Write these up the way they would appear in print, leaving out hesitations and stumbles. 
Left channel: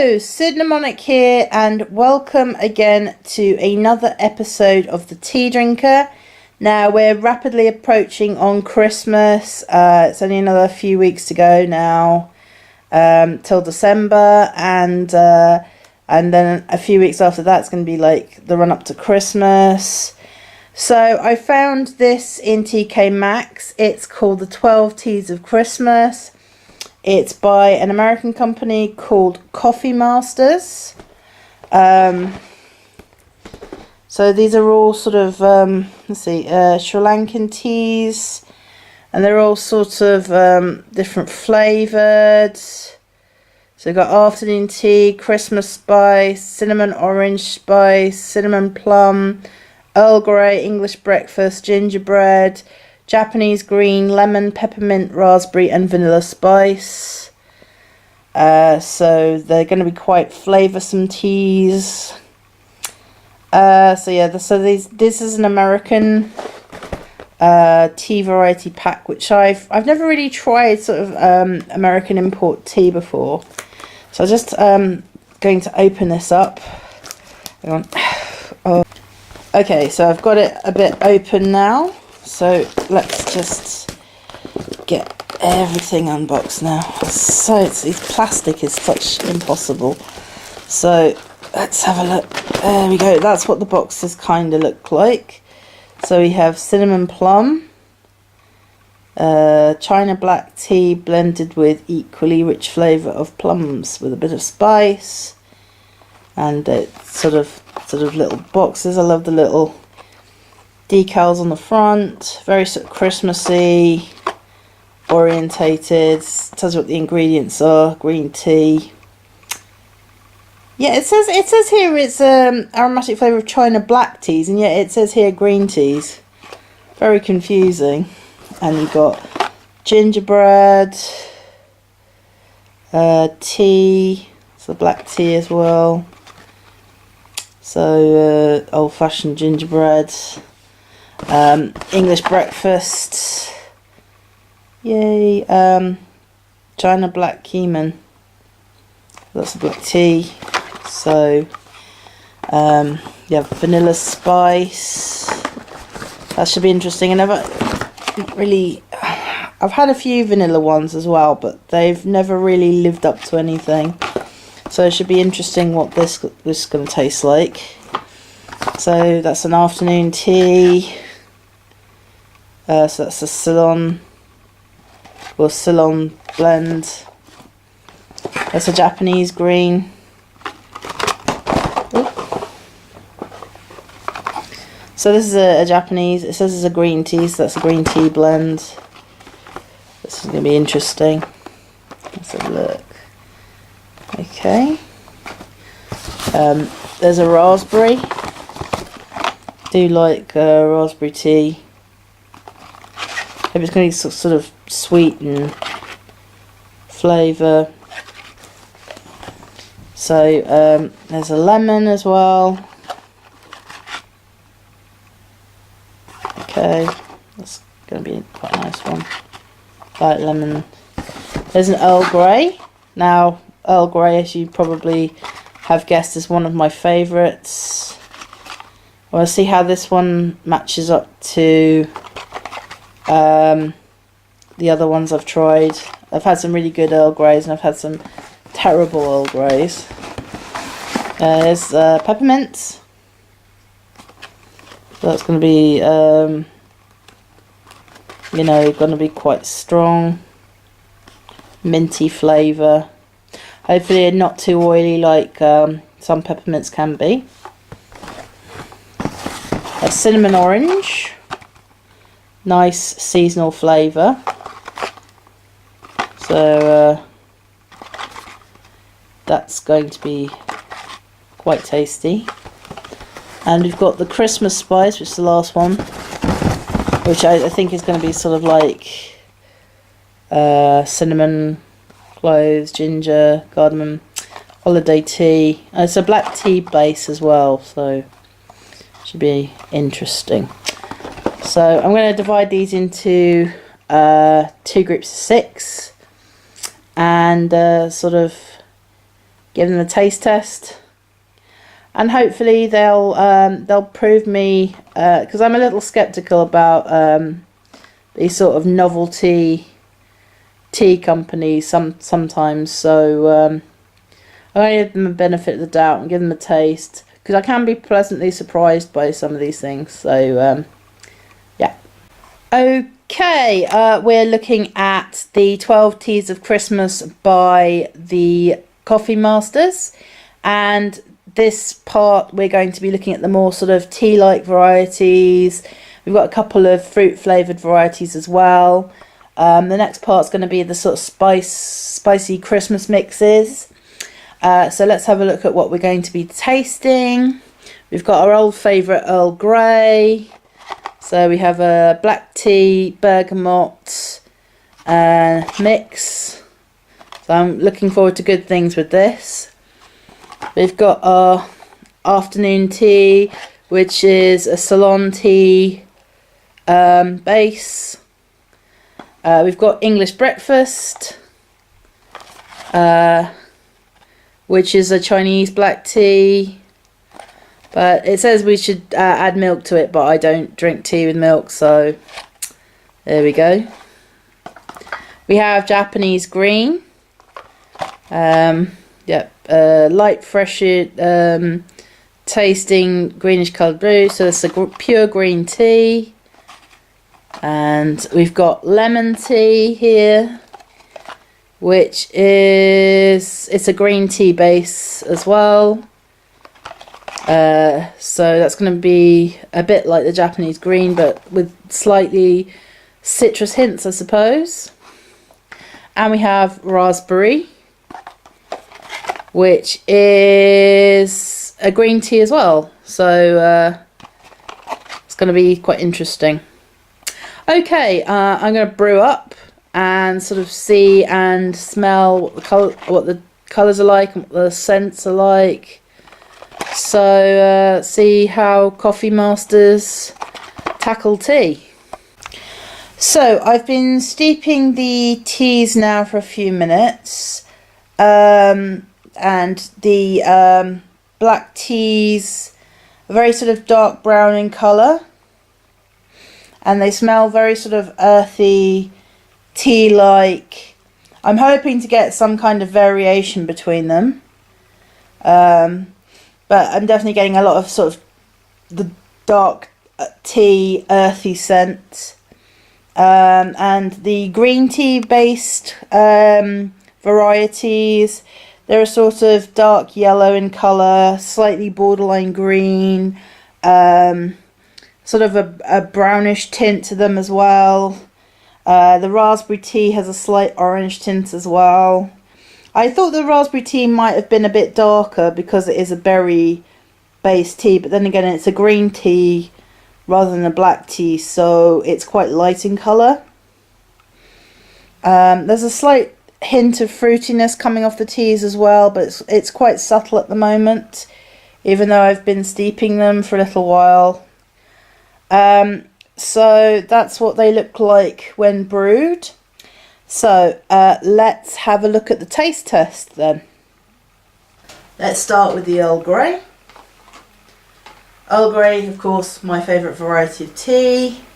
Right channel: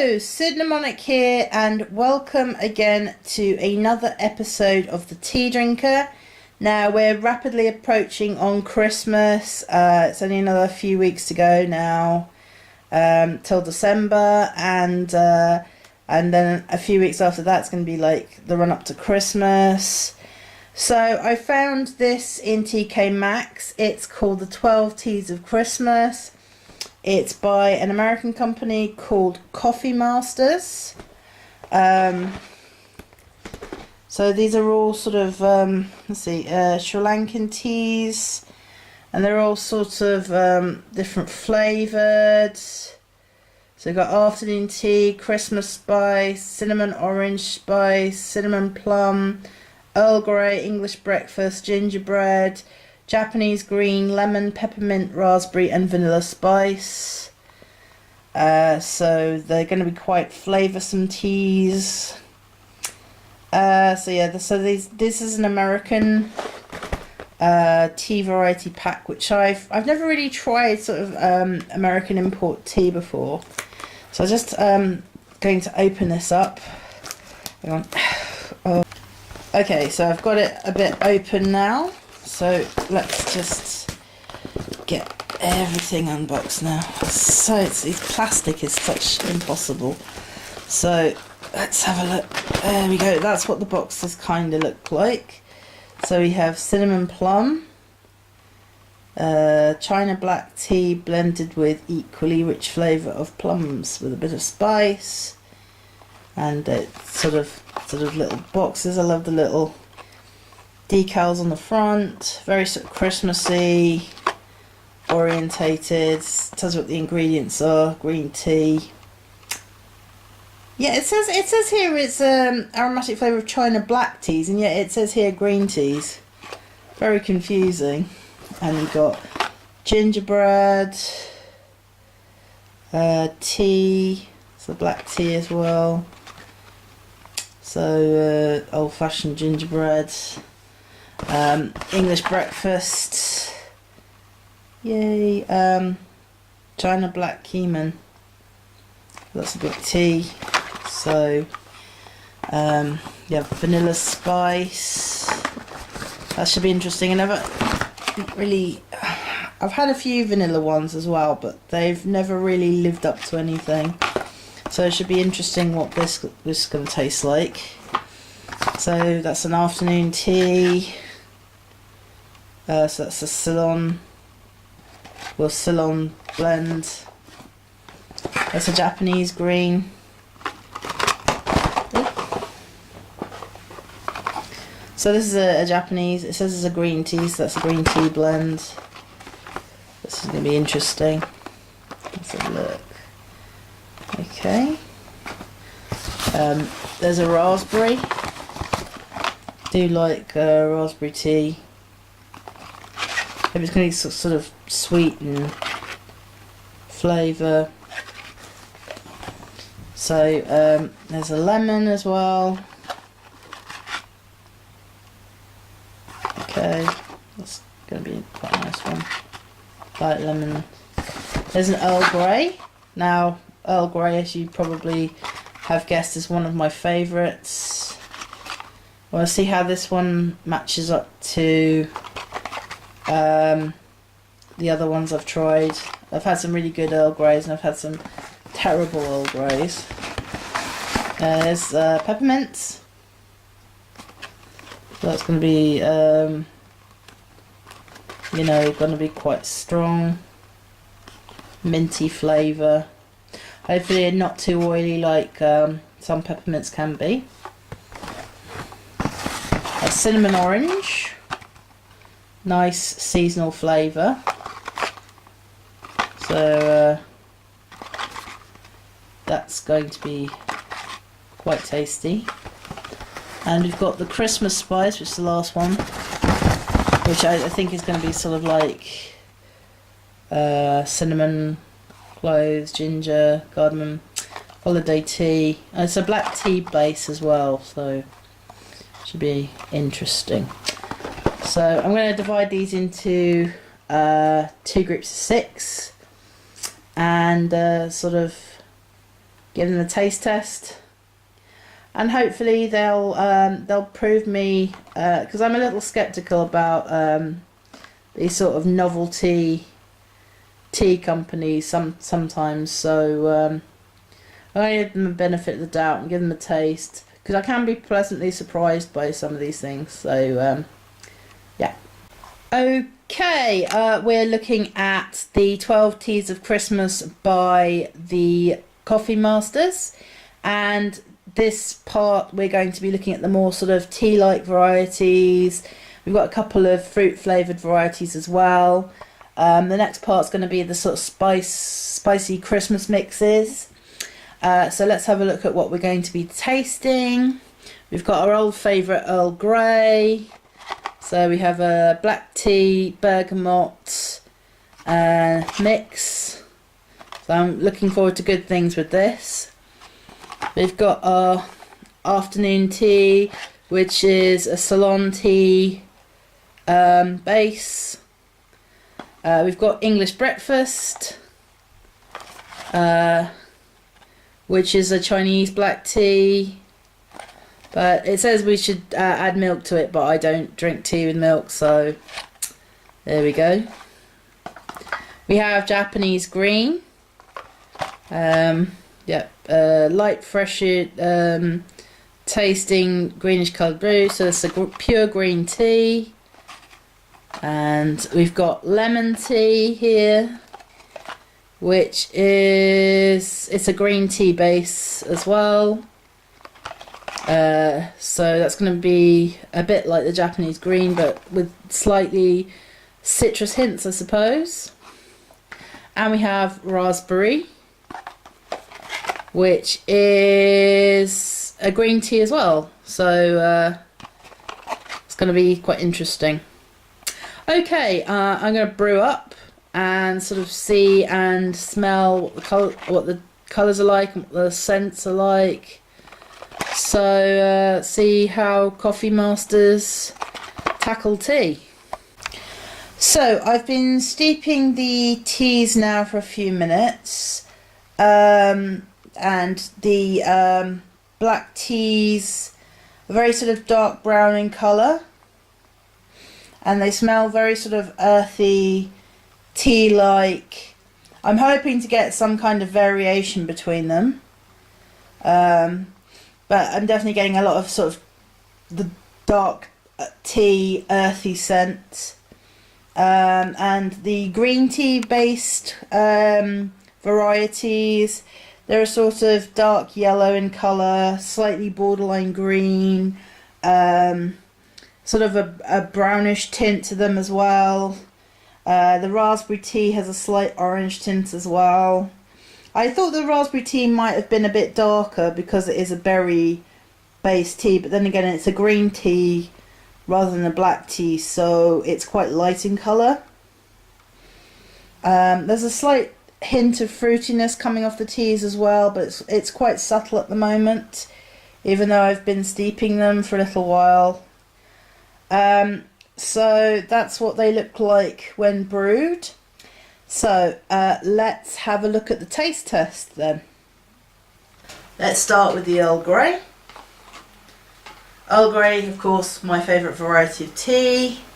Hello, Cinnamonic here, and welcome again to another episode of The Tea Drinker. Now, we're rapidly approaching on Christmas. It's only another few weeks to go now, till December, and then a few weeks after that's going to be like the run up to Christmas. So I found this in TK Maxx. It's called the 12 Teas of Christmas. It's by an American company called Coffee Masters. So these are all sort of, Sri Lankan teas. And they're all sort of different flavoured. So we've got afternoon tea, Christmas spice, cinnamon orange spice, cinnamon plum, Earl Grey, English breakfast, gingerbread, Japanese green, lemon, peppermint, raspberry and vanilla spice. So they're going to be quite flavoursome teas. This is an American tea variety pack, which I've never really tried sort of American import tea before. So I'm just going to open this up. Hang on. Oh. Okay, so I've got it a bit open now. So let's just get everything unboxed now. This plastic is such impossible. So let's have a look. There we go. That's what the boxes kind of look like. So we have cinnamon plum, China black tea blended with equally rich flavour of plums with a bit of spice, and it's sort of little boxes. I love the little decals on the front, very sort of Christmassy orientated. Tells you what the ingredients are. Green tea. Yeah, it says here it's aromatic flavour of China black teas, and yet it says here green teas. Very confusing. And you've got gingerbread, tea, so black tea as well. So old-fashioned gingerbread. English breakfast, yay. China black keeman, lots of black tea. So vanilla spice, that should be interesting. And I've had a few vanilla ones as well, but they've never really lived up to anything, so it should be interesting what this is going to taste like. So that's an afternoon tea. So that's a Ceylon blend. That's a Japanese green. Ooh. So this is a Japanese, it says it's a green tea, so that's a green tea blend. This is going to be interesting. Let's have a look. Okay. There's a raspberry. I do like raspberry tea. Hope it's going to be sort of sweet and flavour. So there's a lemon as well. Okay, that's going to be quite a nice one. Light lemon. There's an Earl Grey. Now, Earl Grey, as you probably have guessed, is one of my favourites. I want to see how this one matches up to the other ones I've tried. I've had some really good Earl Greys and I've had some terrible Earl Greys. There's Peppermint. So that's going to be, going to be quite strong. Minty flavour. Hopefully not too oily like some peppermints can be. A cinnamon orange. Nice seasonal flavour. So that's going to be quite tasty. And we've got the Christmas spice, which is the last one, which I think is going to be sort of like cinnamon, cloves, ginger, cardamom, holiday tea. And it's a black tea base as well, so should be interesting. So I'm going to divide these into 2 groups of 6 and sort of give them a taste test, and hopefully they'll prove me, because I'm a little skeptical about these sort of novelty tea companies sometimes. So I give them a benefit of the doubt and give them a taste, because I can be pleasantly surprised by some of these things. So yeah. Okay, we're looking at the 12 Teas of Christmas by the Coffee Masters, and this part we're going to be looking at the more sort of tea-like varieties. We've got a couple of fruit-flavoured varieties as well. The next part's going to be the sort of spicy Christmas mixes. So let's have a look at what we're going to be tasting. We've got our old favourite Earl Grey. So we have a black tea, bergamot mix. So I'm looking forward to good things with this. We've got our afternoon tea, which is a Ceylon tea base. We've got English breakfast, which is a Chinese black tea. But it says we should add milk to it, but I don't drink tea with milk, so there we go. We have Japanese green. Light, fresh, tasting greenish coloured brew. So it's a pure green tea. And we've got lemon tea here, which it's a green tea base as well. So that's going to be a bit like the Japanese green, but with slightly citrus hints, I suppose. And we have raspberry, which is a green tea as well. So it's going to be quite interesting. Okay, I'm going to brew up and sort of see and smell what the colours are like and what the scents are like. So see how Coffee Masters tackle tea. So I've been steeping the teas now for a few minutes, and the black teas are very sort of dark brown in colour, and they smell very sort of earthy, tea-like. I'm hoping to get some kind of variation between them. But I'm definitely getting a lot of sort of the dark tea, earthy scent. And the green tea based varieties, they're a sort of dark yellow in colour, slightly borderline green, sort of a brownish tint to them as well. The raspberry tea has a slight orange tint as well. I thought the raspberry tea might have been a bit darker because it is a berry based tea, but then again it's a green tea rather than a black tea, so it's quite light in colour. There's a slight hint of fruitiness coming off the teas as well, but it's quite subtle at the moment, even though I've been steeping them for a little while. So that's what they look like when brewed. So let's have a look at the taste test then. Let's start with the Earl Grey. Earl Grey, of course, my favourite variety of tea.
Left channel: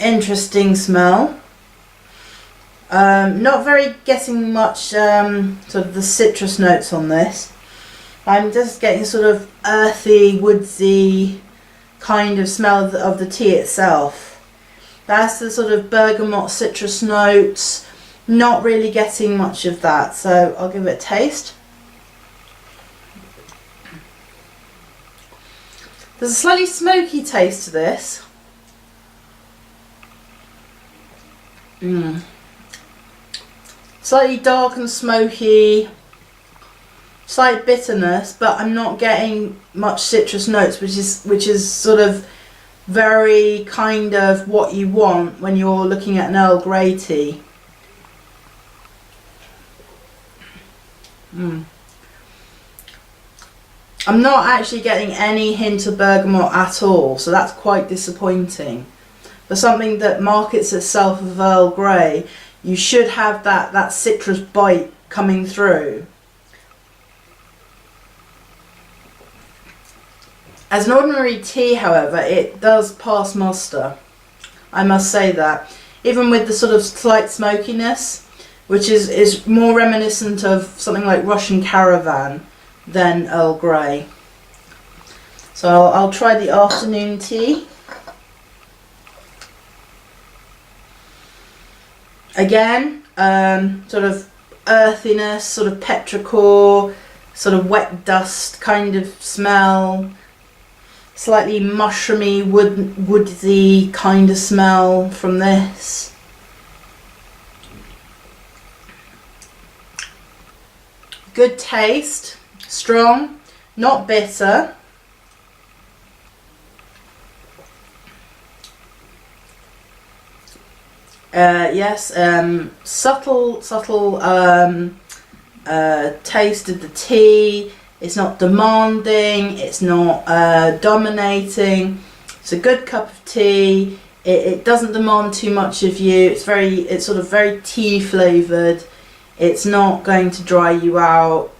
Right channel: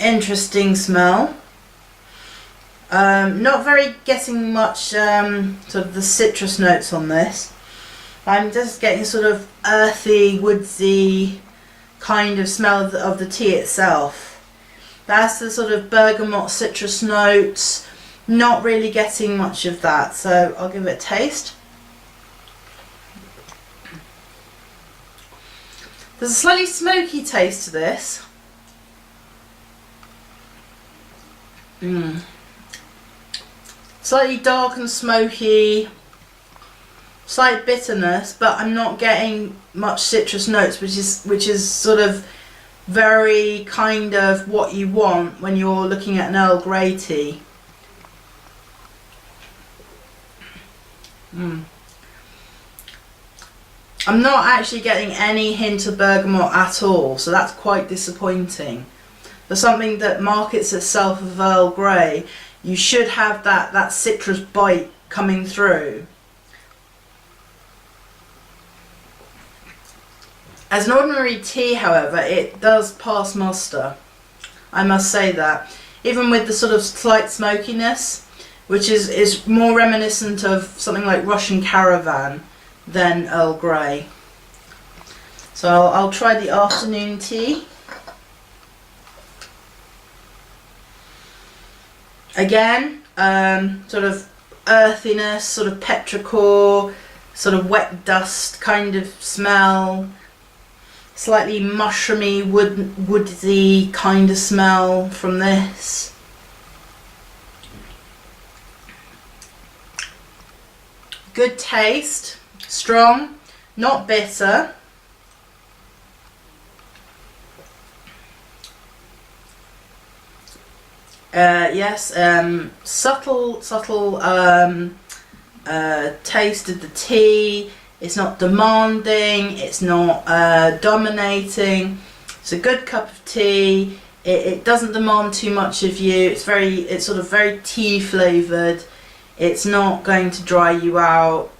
Interesting smell. Not very getting much sort of the citrus notes on this. I'm just getting sort of earthy, woodsy kind of smell of the tea itself. That's the sort of bergamot citrus notes. Not really getting much of that, so I'll give it a taste. There's a slightly smoky taste to this. Slightly dark and smoky. Slight bitterness, but I'm not getting much citrus notes, which is sort of very kind of what you want when you're looking at an Earl Grey tea. I'm not actually getting any hint of bergamot at all, so that's quite disappointing. For something that markets itself as Earl Grey, you should have that citrus bite coming through. As an ordinary tea, however, it does pass muster. I must say that. Even with the sort of slight smokiness, which is more reminiscent of something like Russian Caravan than Earl Grey. So I'll try the afternoon tea. Again, sort of earthiness, sort of petrichor, sort of wet dust kind of smell. Slightly mushroomy, woodsy kind of smell from this. Good taste, strong, not bitter. Yes, subtle taste of the tea. It's not demanding, it's not dominating. It's a good cup of tea. It doesn't demand too much of you. It's sort of very tea flavoured. It's not going to dry you out.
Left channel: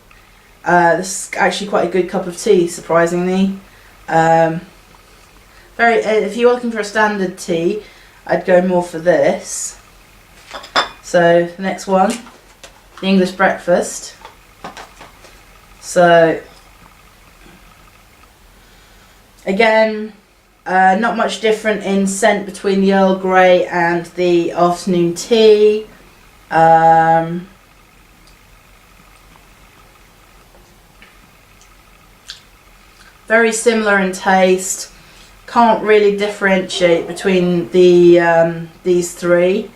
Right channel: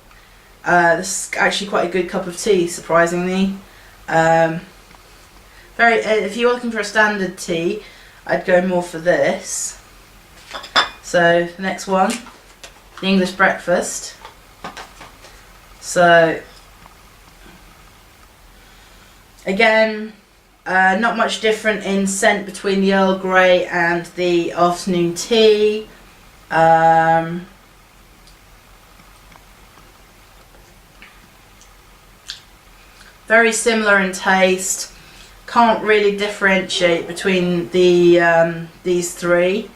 This is actually quite a good cup of tea, surprisingly. If you're looking for a standard tea, I'd go more for this. So the next one, the English breakfast. So, again, not much different in scent between the Earl Grey and the afternoon tea. Very similar in taste. Can't really differentiate between these three.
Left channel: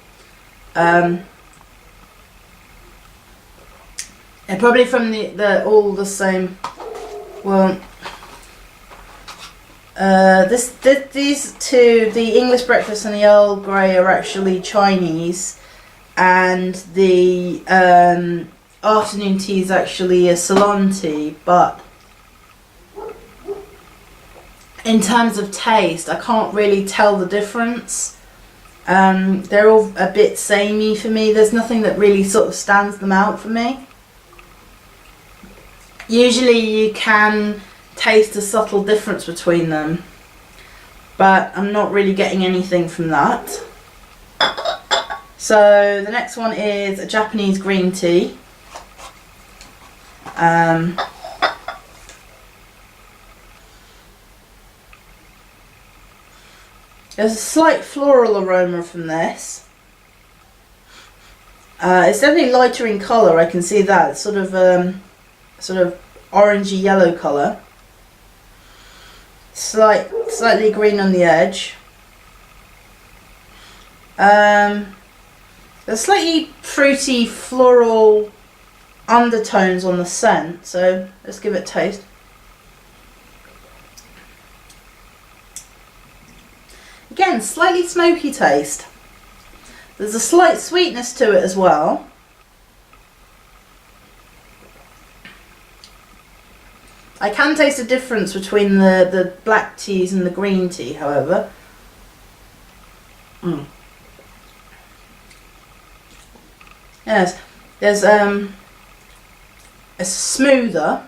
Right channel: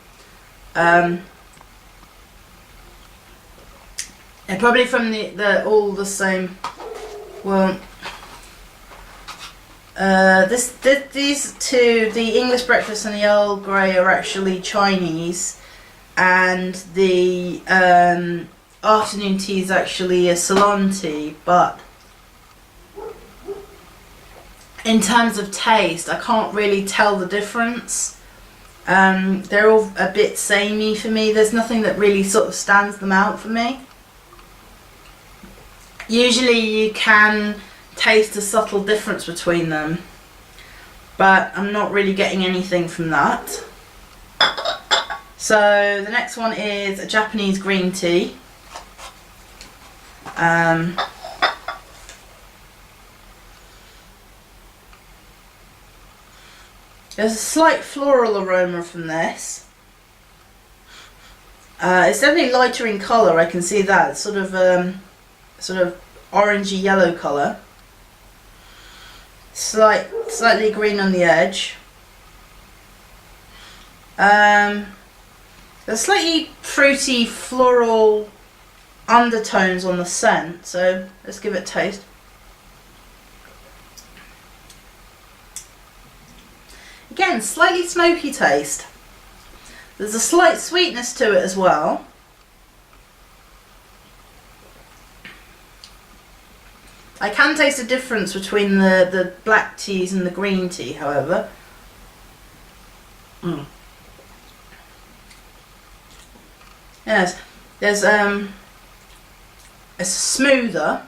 And probably from the all the same. Well, these two, the English breakfast and the Earl Grey, are actually Chinese, and the afternoon tea is actually a Ceylon tea. But in terms of taste, I can't really tell the difference. They're all a bit samey for me. There's nothing that really sort of stands them out for me. Usually you can taste a subtle difference between them, but I'm not really getting anything from that. So the next one is a Japanese green tea. There's a slight floral aroma from this. It's definitely lighter in colour, I can see that. It's sort of orangey yellow colour. Slightly green on the edge. There's slightly fruity floral undertones on the scent, so let's give it a taste. Again, slightly smoky taste. There's a slight sweetness to it as well. I can taste a difference between the black teas and the green tea, however. Yes, there's a smoother.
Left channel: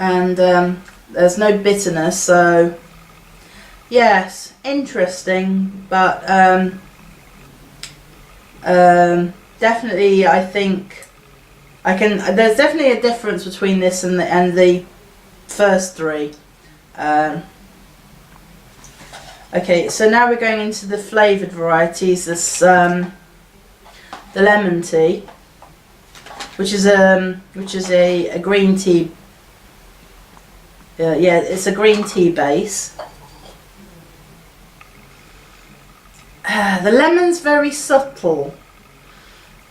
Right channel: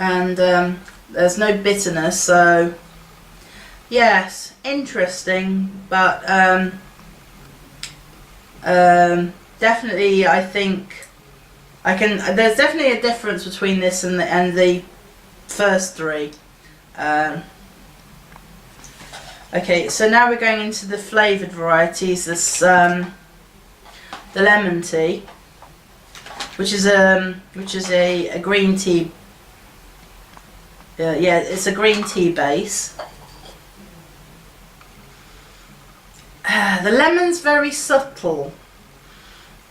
And there's no bitterness, so yes, interesting, but definitely I think there's definitely a difference between this and the first three. Okay, so now we're going into the flavoured varieties. This the lemon tea, which is a green tea. Yeah, it's a green tea base. The lemon's very subtle,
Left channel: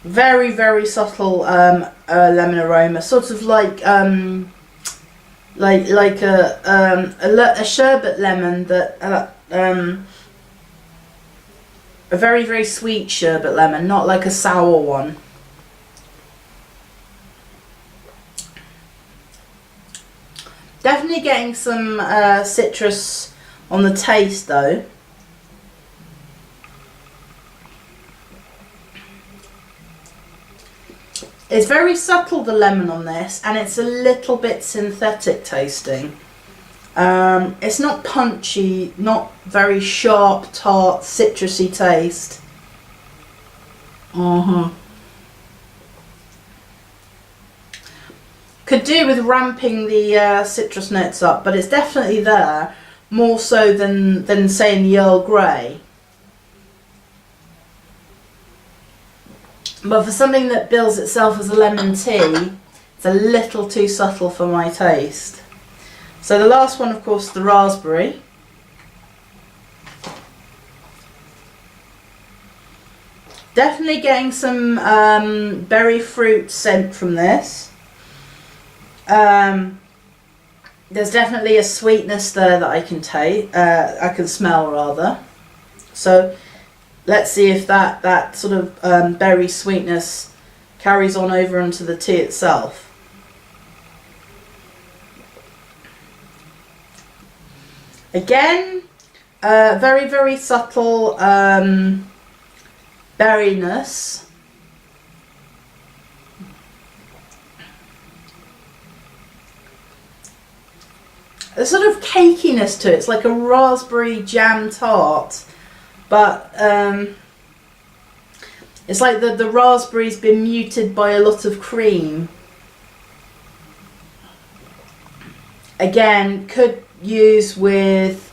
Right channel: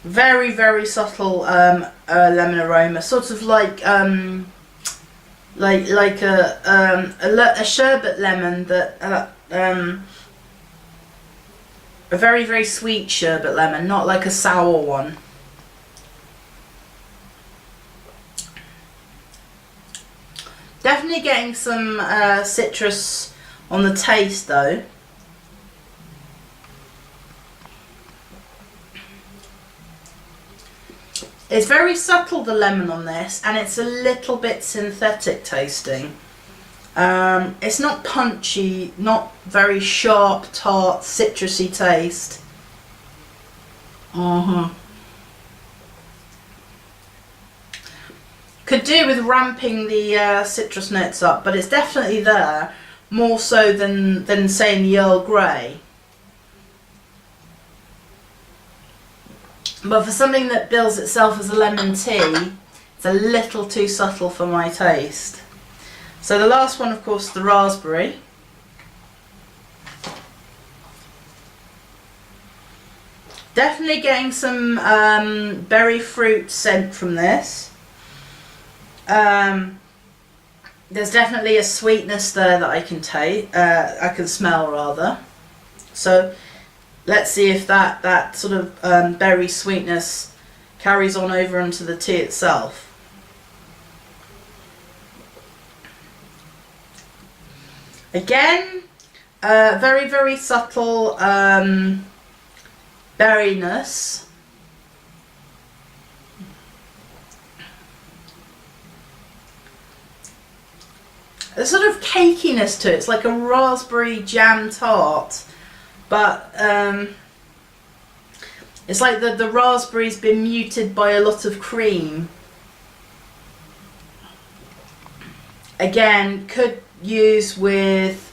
very subtle lemon aroma, sort of like a sherbet lemon, that a very sweet sherbet lemon, not like a sour one. Definitely getting some citrus on the taste though. It's very subtle, the lemon on this, and it's a little bit synthetic tasting. It's not punchy, not very sharp, tart, citrusy taste. Could do with ramping the citrus notes up, but it's definitely there, more so than say in the Earl Grey. But for something that bills itself as a lemon tea, it's a little too subtle for my taste. So the last one, of course, the raspberry. Definitely getting some berry fruit scent from this. There's definitely a sweetness there that I can taste. I can smell rather. So let's see if that sort of berry sweetness carries on over into the tea itself. Again, very, very subtle berryness. A sort of cakiness to it. It's like a raspberry jam tart, but it's like the raspberry's been muted by a lot of cream. Again, could use with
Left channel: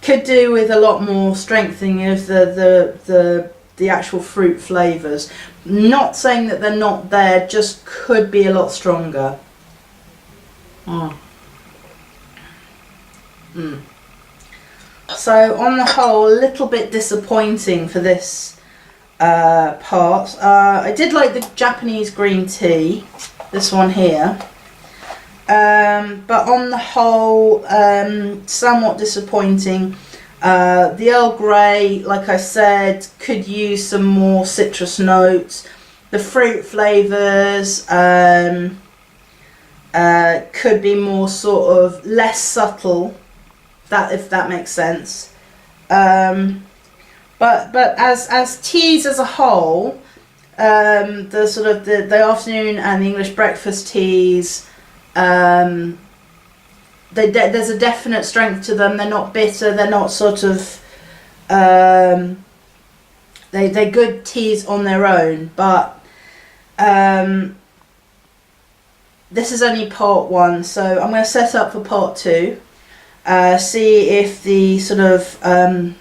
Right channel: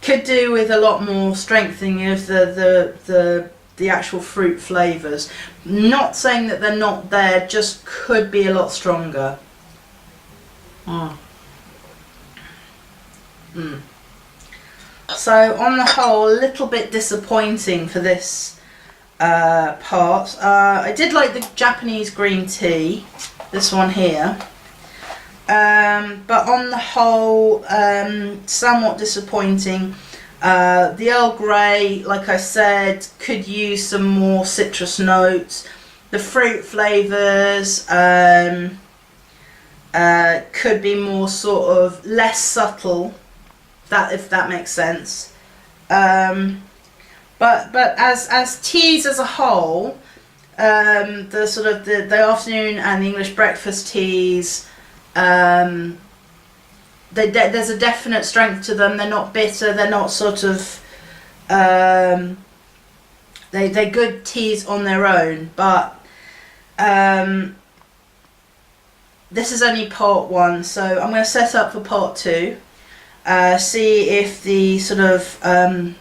could do with a lot more strengthening of the actual fruit flavours. Not saying that they're not there, just could be a lot stronger. So on the whole, a little bit disappointing for this part. I did like the Japanese green tea, this one here. But on the whole, somewhat disappointing. The Earl Grey, like I said, could use some more citrus notes. The fruit flavours could be more sort of less subtle, if that makes sense. But as teas as a whole, the sort of the afternoon and the English breakfast teas, there's a definite strength to them. They're not bitter. They're not sort of they're good teas on their own. But this is only part one, so I'm going to set up for part two. See if the sort of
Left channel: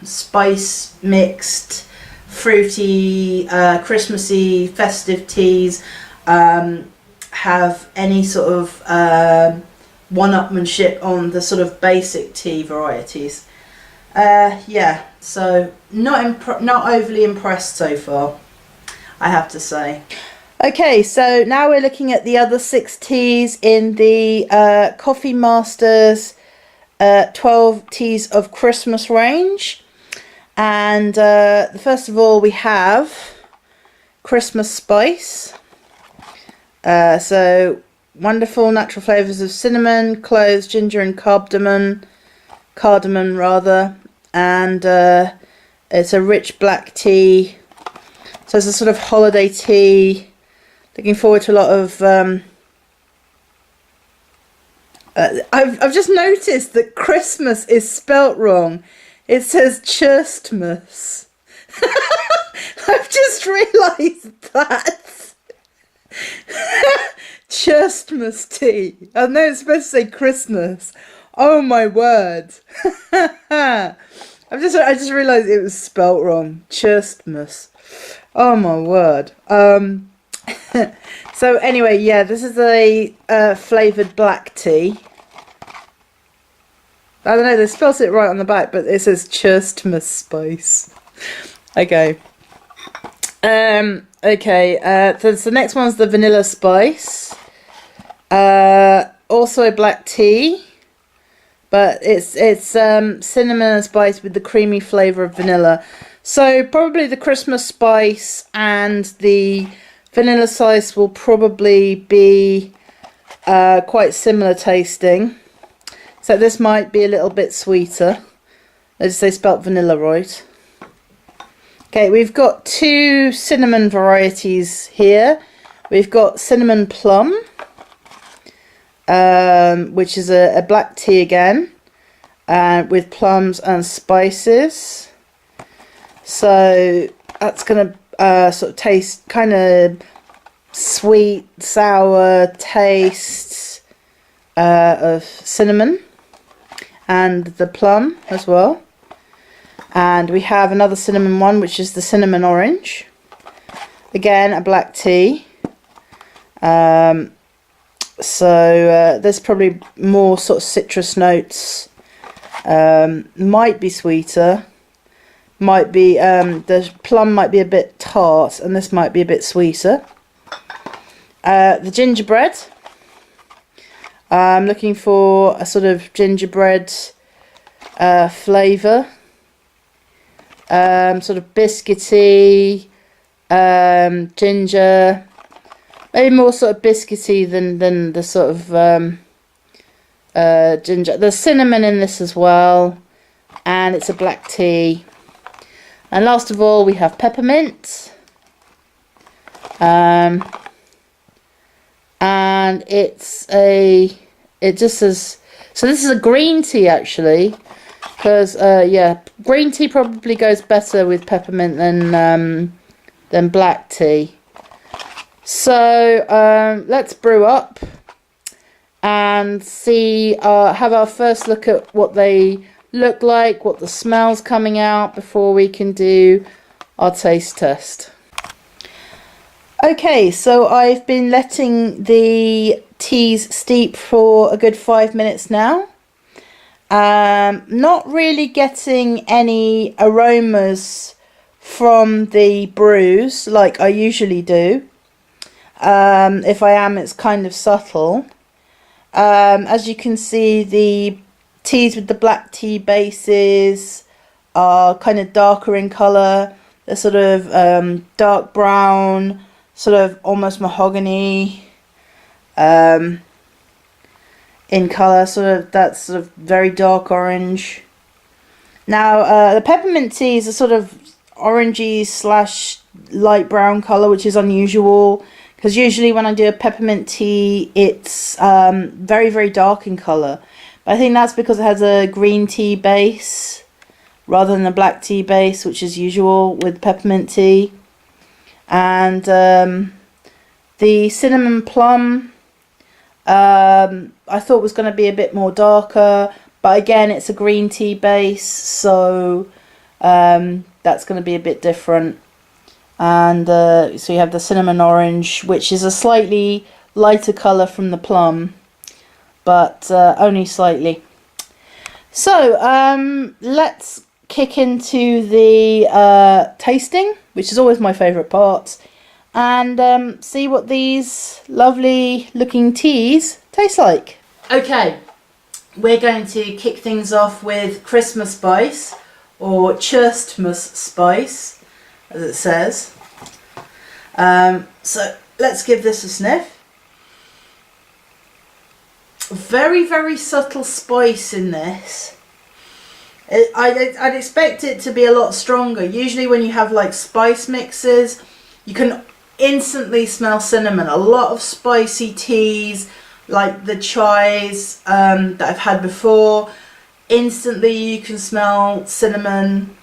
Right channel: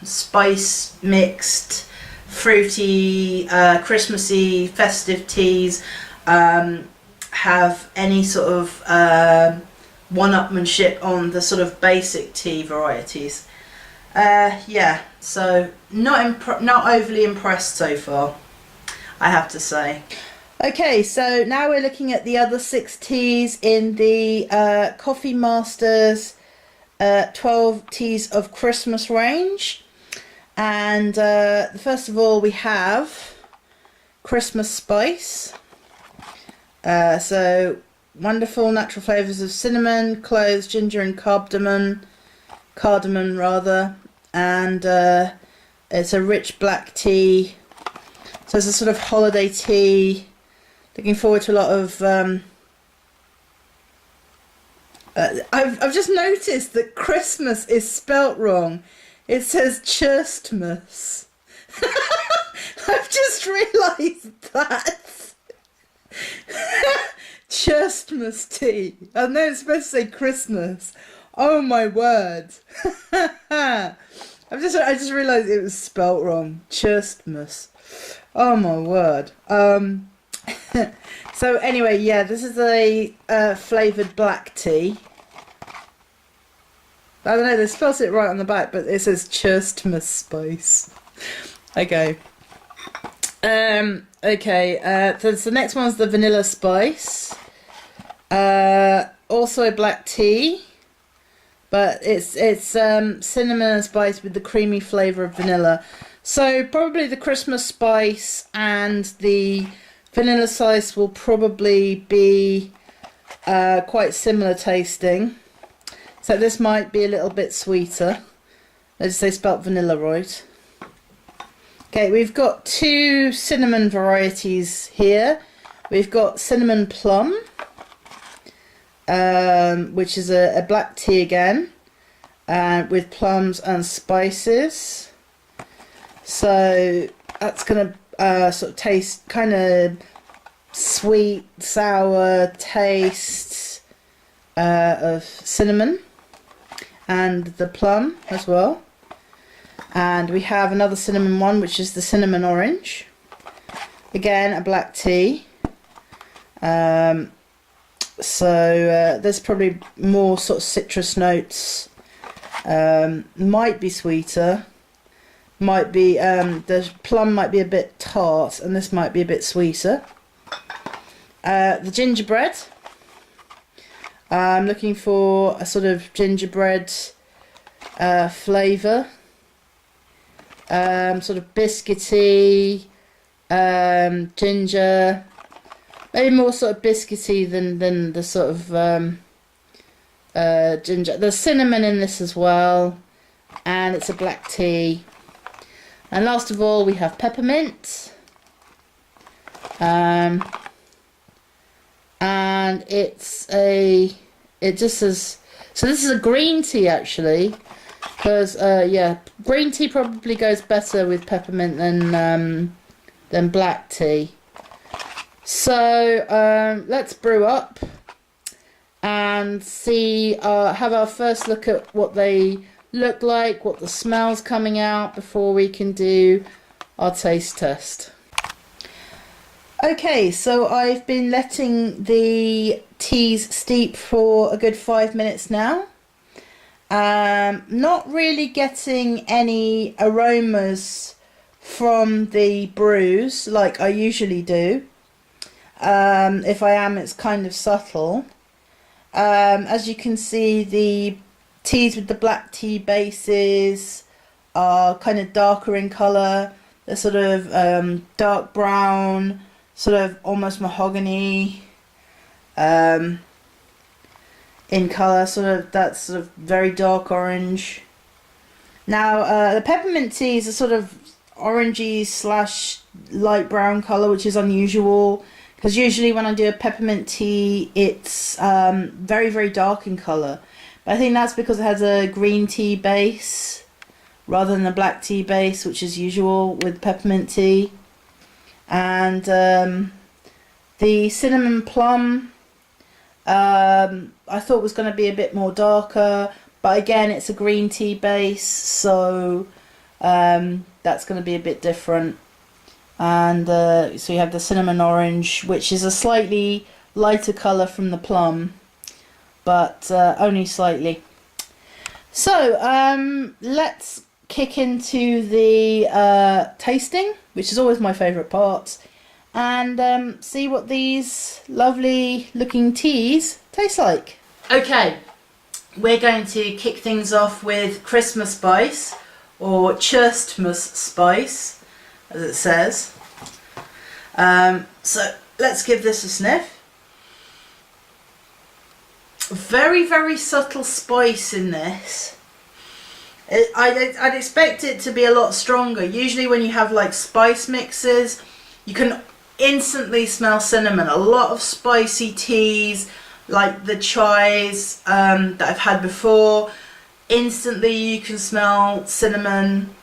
spice mixed, fruity, Christmassy, festive teas have any sort of one-upmanship on the sort of basic tea varieties. Yeah, so not overly impressed so far, I have to say. Okay, so now we're looking at the other 6 teas in the Coffee Masters 12 Teas of Christmas range. And first of all, we have Christmas Spice. So wonderful natural flavours of cinnamon, cloves, ginger and cardamom rather. And it's a rich black tea. So it's a sort of holiday tea. Looking forward to a lot of... I've just noticed that Christmas is spelt wrong. It says Chirstmas. I've just realised that. Chirstmas tea. I know it's supposed to say Christmas. Oh my word. I just realised it was spelt wrong. Chirstmas. Oh my word. So anyway, yeah, this is a flavoured black tea. I don't know, they spelled it right on the back, but it says Chirstmas Spice. Okay. Okay, so the next one's the Vanilla Spice. Also a black tea, but it's cinnamon and spice with the creamy flavour of vanilla. So probably the Christmas Spice and the Vanilla Spice will probably be quite similar tasting. So this might be a little bit sweeter. As they spelt vanilla right. Okay, we've got two cinnamon varieties here. We've got cinnamon plum, which is a black tea again, with plums and spices. So that's going to sort of taste kind of sweet, sour taste of cinnamon and the plum as well. And we have another cinnamon one, which is the cinnamon orange. Again, a black tea. So there's probably more sort of citrus notes. Might be sweeter. Might be the plum might be a bit tart, and this might be a bit sweeter. The gingerbread. I'm looking for a sort of gingerbread flavour. Sort of biscuity, ginger, maybe more sort of biscuity than the sort of ginger. There's cinnamon in this as well, and it's a black tea. And last of all, we have peppermint, and it just says, so this is a green tea actually. Because yeah, green tea probably goes better with peppermint than black tea. So let's brew up and see. Have our first look at what they look like, what the smell's coming out before we can do our taste test. Okay, so I've been letting the teas steep for a good 5 minutes now. Not really getting any aromas from the brews like I usually do. If I am, it's kind of subtle. As you can see, the teas with the black tea bases are kind of darker in colour. They're sort of dark brown, sort of almost mahogany. In colour, sort of that's sort of very dark orange. Now the peppermint teas are sort of orangey slash light brown colour, which is unusual because usually when I do a peppermint tea it's very, very dark in colour. But I think that's because it has a green tea base rather than a black tea base, which is usual with peppermint tea. And the cinnamon plum I thought was going to be a bit more darker, but again it's a green tea base, so that's going to be a bit different. And so you have the cinnamon orange, which is a slightly lighter colour from the plum, but only slightly. So let's kick into the tasting, which is always my favourite part, and see what these lovely looking teas taste like. Okay, we're going to kick things off with Christmas spice, or Chirstmas spice, as it says. So let's give this a sniff. Very, very subtle spice in this. I'd expect it to be a lot stronger. Usually when you have like spice mixes, you can instantly smell cinnamon. A lot of spicy teas, like the chais that I've had before, instantly you can smell cinnamon,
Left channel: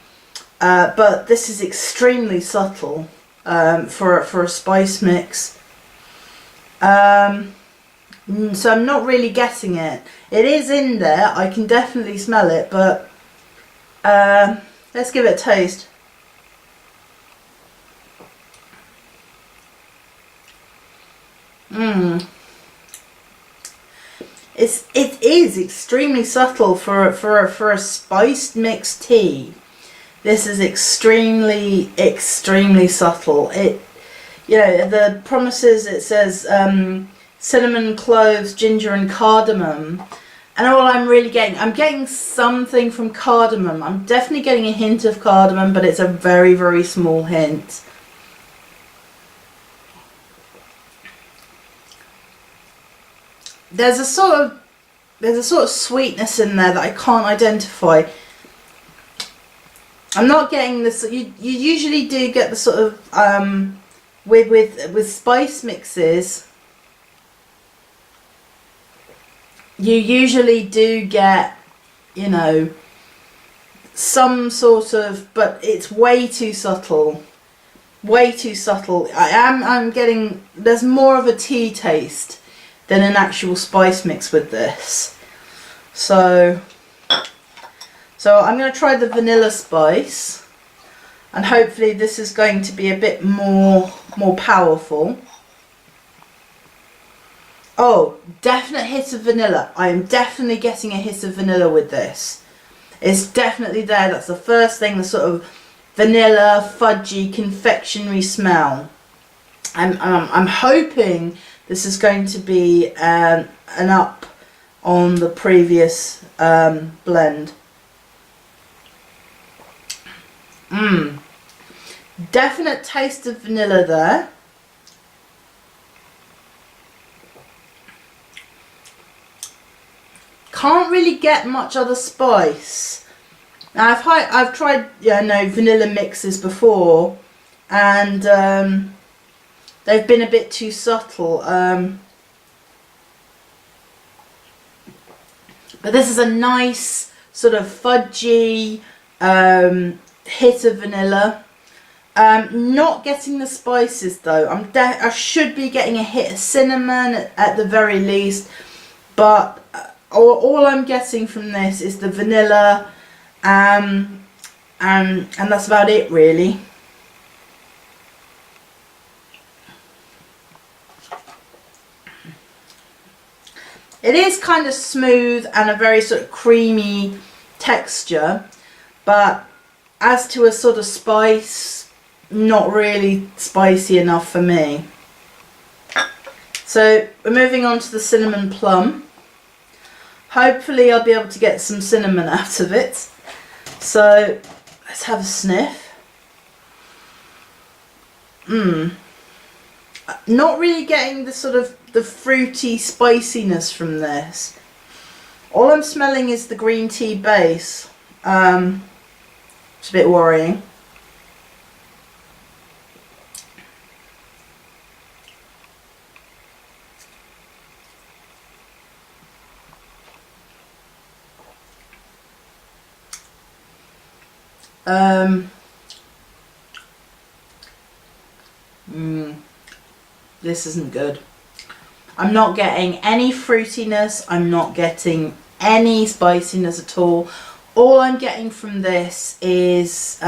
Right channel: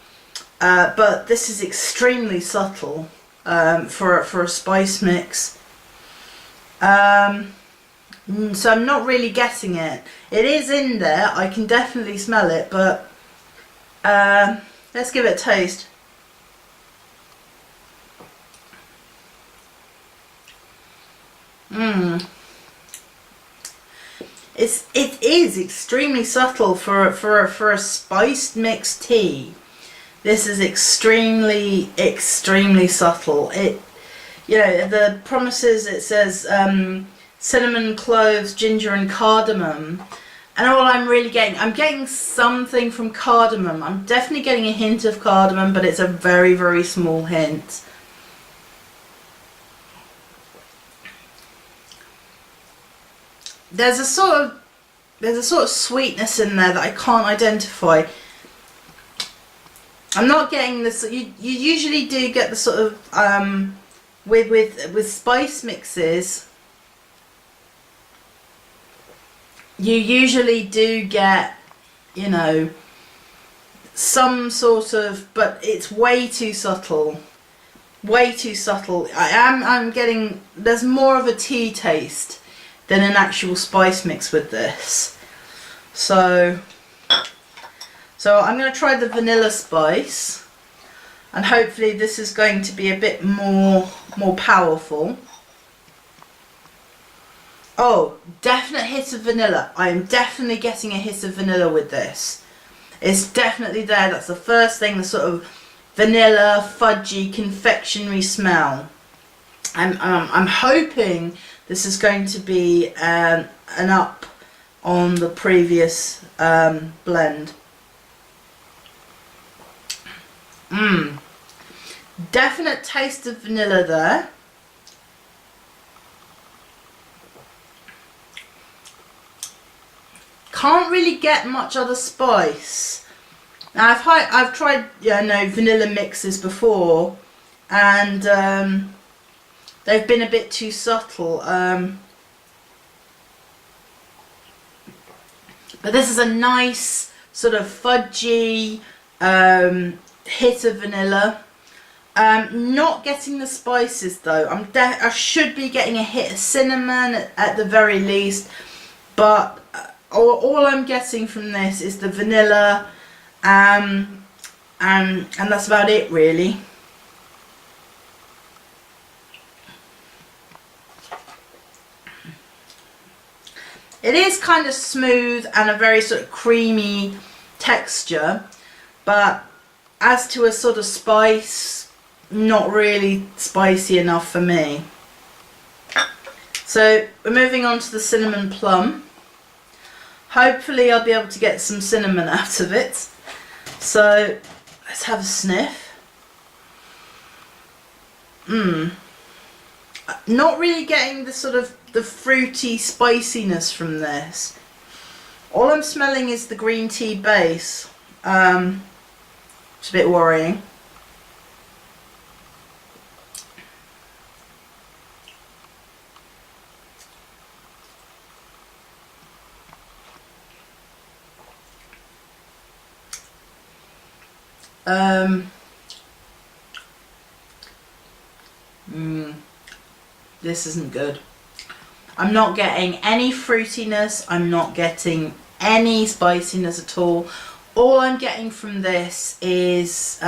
but this is extremely subtle for a spice mix. So I'm not really getting it. It is in there, I can definitely smell it, but let's give it a taste. It is extremely subtle for a spiced mixed tea. This is extremely subtle. It, you know, the promises, it says cinnamon, cloves, ginger and cardamom, and all I'm really getting, I'm getting something from cardamom. I'm definitely getting a hint of cardamom, but it's a very, very small hint. There's a sort of sweetness in there that I can't identify. I'm not getting this. You usually do get the sort of with spice mixes. You usually do get, you know, some sort of, but it's way too subtle. Way too subtle. I'm getting, there's more of a tea taste than an actual spice mix with this. So I'm going to try the vanilla spice, and hopefully this is going to be a bit more powerful. Oh, definite hit of vanilla. I am definitely getting a hit of vanilla with this. It's definitely there. That's the first thing, the sort of vanilla, fudgy, confectionery smell. I'm hoping this is going to be an up on the previous blend. Definite taste of vanilla there. Can't really get much other spice. Now I've tried, you know, vanilla mixes before, and they've been a bit too subtle. But this is a nice sort of fudgy hit of vanilla. Not getting the spices though. I should be getting a hit of cinnamon at the very least, but all I'm getting from this is the vanilla, and that's about it really. It is kind of smooth and a very sort of creamy texture, but as to a sort of spice, not really spicy enough for me. So we're moving on to the cinnamon plum. Hopefully I'll be able to get some cinnamon out of it. So let's have a sniff. Not really getting the sort of the fruity spiciness from this. All I'm smelling is the green tea base. It's a bit worrying. This isn't good. I'm not getting any fruitiness. I'm not getting any spiciness at all. All I'm getting from this is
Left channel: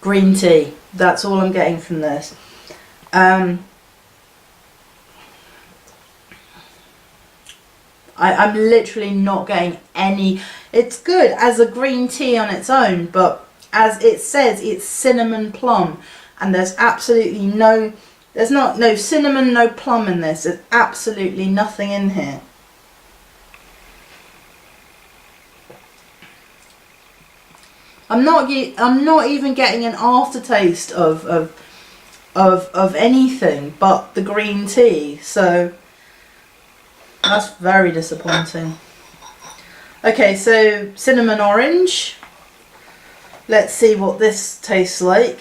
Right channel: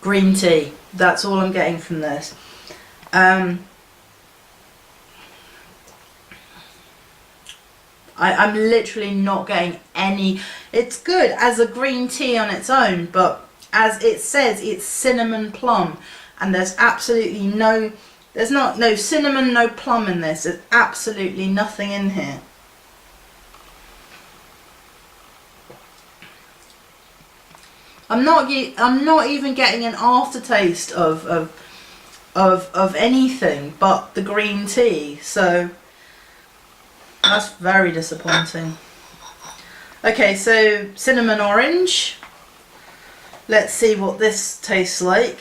green tea. That's all I'm getting from this. I'm literally not getting any. It's good as a green tea on its own, but as it says, it's cinnamon plum, and there's absolutely no, there's no cinnamon, no plum in this. There's absolutely nothing in here. I'm not even getting an aftertaste of anything but the green tea. So that's very disappointing. Okay, so cinnamon orange. Let's see what this tastes like.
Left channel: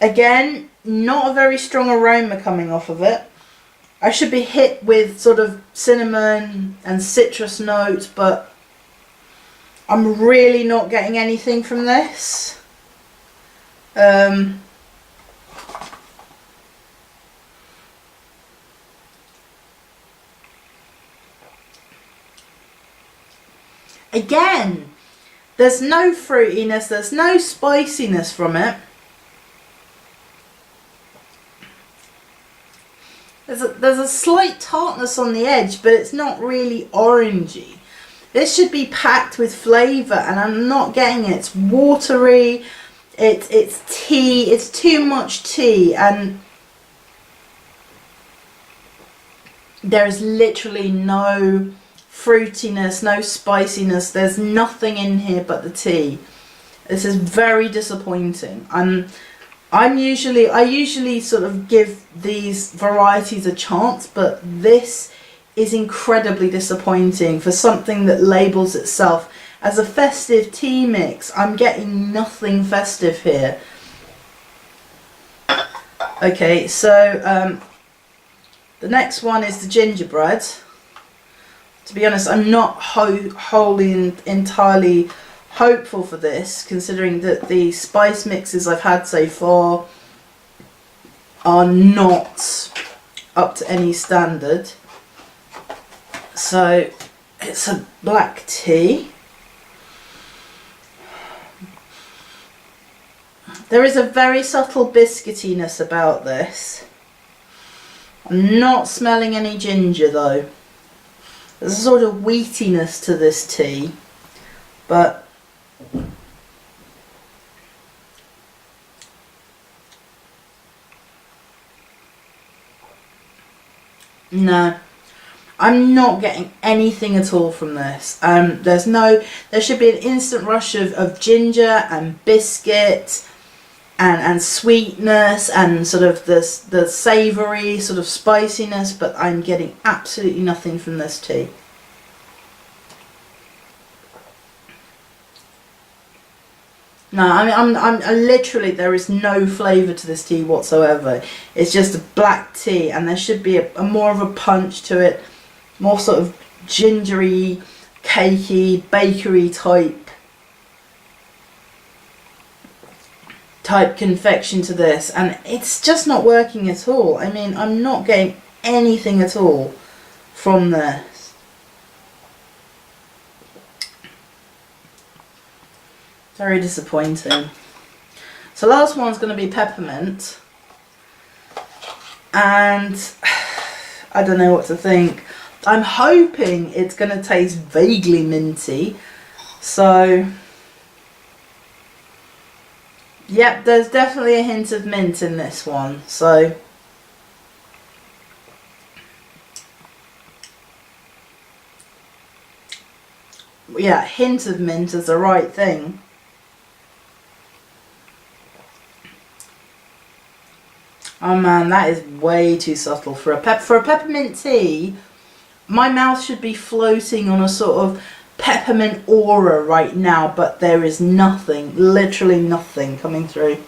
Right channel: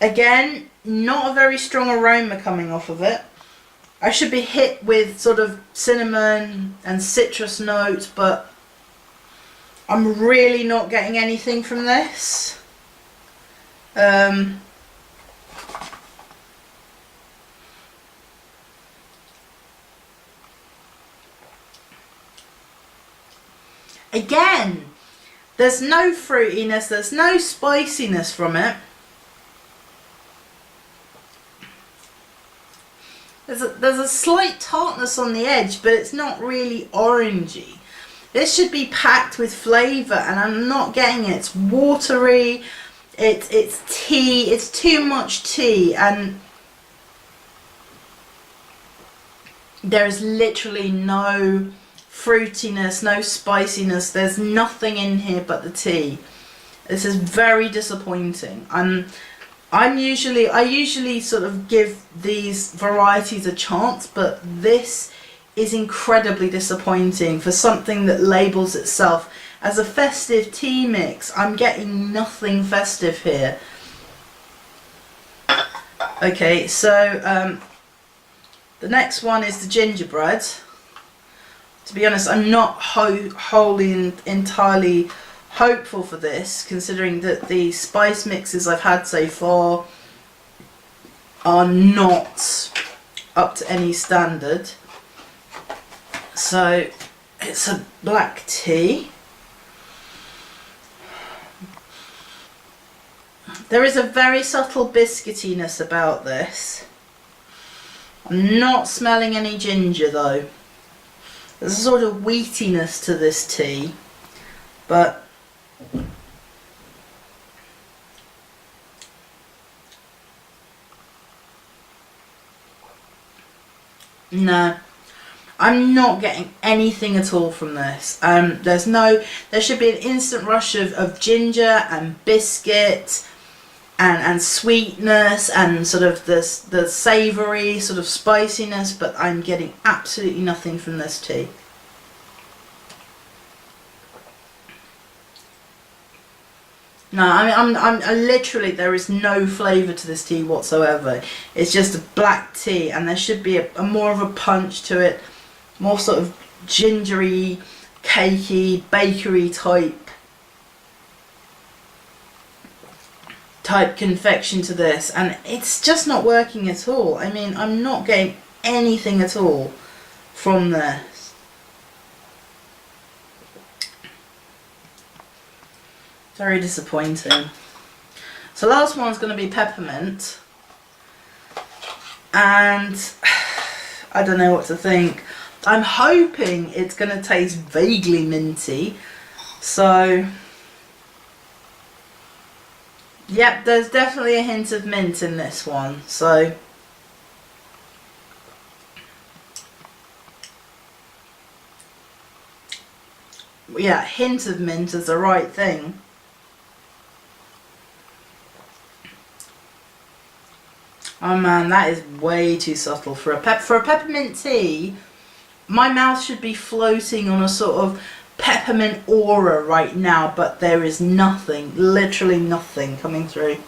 Again, not a very strong aroma coming off of it. I should be hit with sort of cinnamon and citrus notes, but I'm really not getting anything from this. Again, there's no fruitiness, there's no spiciness from it. There's a slight tartness on the edge, but it's not really orangey. This should be packed with flavour, and I'm not getting it. It's watery, it's tea, it's too much tea, and there is literally no fruitiness, no spiciness. There's nothing in here but the tea. This is very disappointing. I usually sort of give these varieties a chance, but this is incredibly disappointing for something that labels itself as a festive tea mix. I'm getting nothing festive here. Okay, so the next one is the gingerbread. To be honest, I'm not wholly and entirely hopeful for this, considering that the spice mixes I've had so far are not up to any standard. So it's a black tea. There is a very subtle biscuitiness about this. I'm not smelling any ginger though. There's a sort of wheatiness to this tea, but no, I'm not getting anything at all from this. There should be an instant rush of ginger and biscuit and sweetness and sort of the savoury sort of spiciness, but I'm getting absolutely nothing from this tea. No, I mean, I'm literally, there is no flavour to this tea whatsoever. It's just a black tea, and there should be a more of a punch to it, more sort of gingery, cakey, bakery type confection to this, and it's just not working at all. I mean, I'm not getting anything at all from this. Very disappointing. So last one's going to be peppermint, and I don't know what to think. I'm hoping it's going to taste vaguely minty, so yep, there's definitely a hint of mint in this one, so yeah, hint of mint is the right thing. Oh man, that is way too subtle for a peppermint tea. My mouth should be floating on a sort of peppermint aura right now, but there is nothing, literally nothing coming through.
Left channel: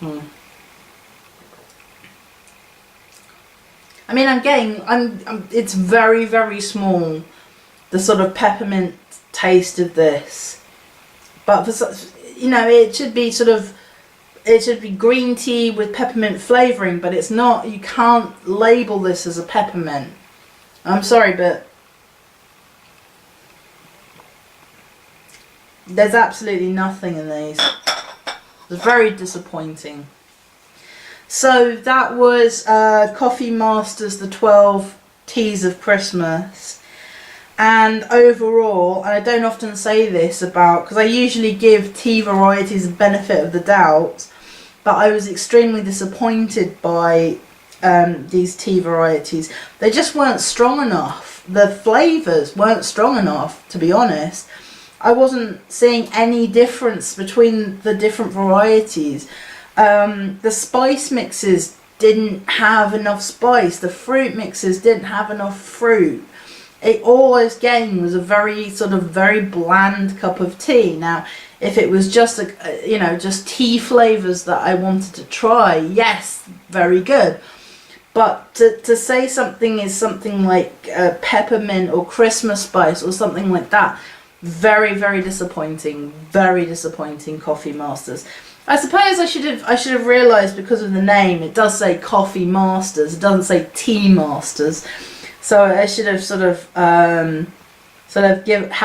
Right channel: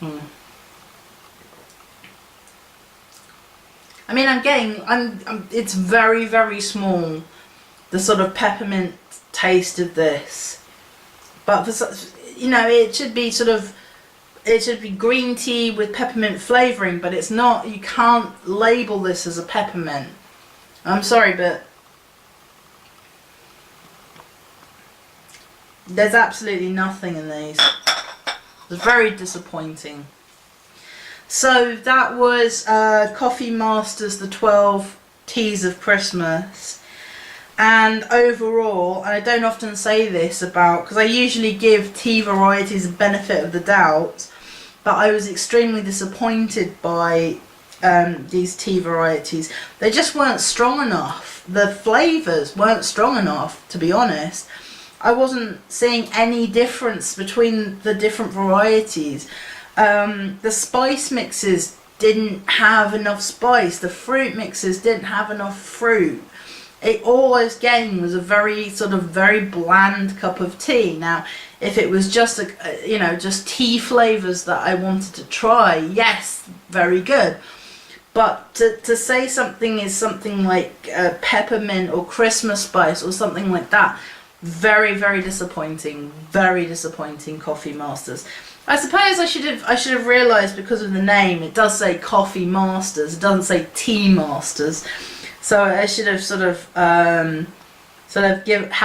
I mean, it's very, very small, the sort of peppermint taste of this, but for, you know, it should be green tea with peppermint flavouring, but it's not. You can't label this as a peppermint. I'm sorry, but there's absolutely nothing in these. It's very disappointing. So that was Coffee Masters, the 12 Teas of Christmas. And overall, and I don't often say this because I usually give tea varieties a benefit of the doubt, but I was extremely disappointed by these tea varieties. They just weren't strong enough. The flavours weren't strong enough, to be honest. I wasn't seeing any difference between the different varieties. The spice mixes didn't have enough spice. The fruit mixes didn't have enough fruit. All I was getting was a very bland cup of tea. Now, if it was just just tea flavours that I wanted to try, yes, very good. But to say something is something like peppermint or Christmas spice or something like that, very, very disappointing. Very disappointing, Coffee Masters. I suppose I should have realised, because of the name, it does say Coffee Masters. It doesn't say Tea Masters. So I should have had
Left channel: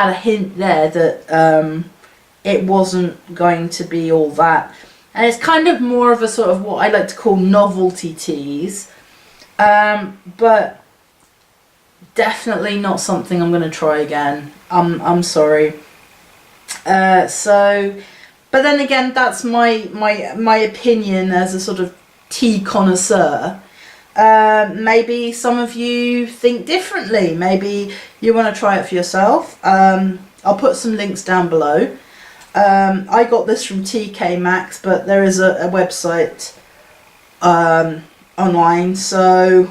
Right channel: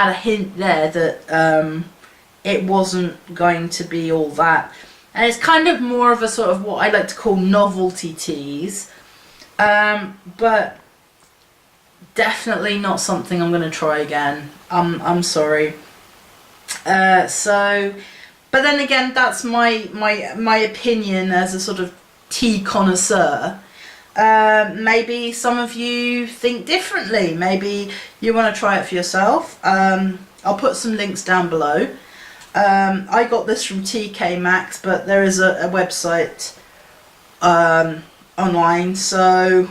a hint there that it wasn't going to be all that. And it's kind of more of a sort of what I like to call novelty teas. But definitely not something I'm going to try again. I'm sorry. But then again, that's my opinion as a sort of tea connoisseur. Maybe some of you think differently. Maybe you want to try it for yourself. I'll put some links down below. I got this from TK Maxx, but there is a website online, so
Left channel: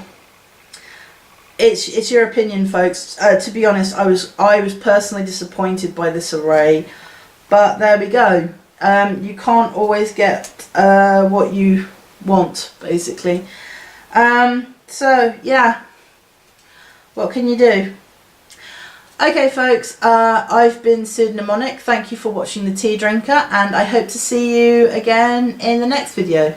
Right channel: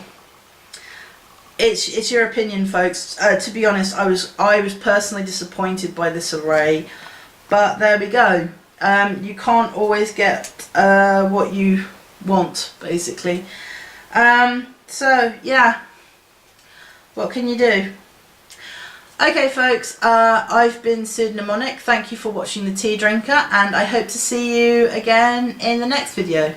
it's your opinion, folks. To be honest, I was personally disappointed by this array, but there we go. You can't always get what you want, basically. So yeah, what can you do? Okay, folks, I've been Pseudonymonic. Thank you for watching The Tea Drinker, and I hope to see you again in the next video.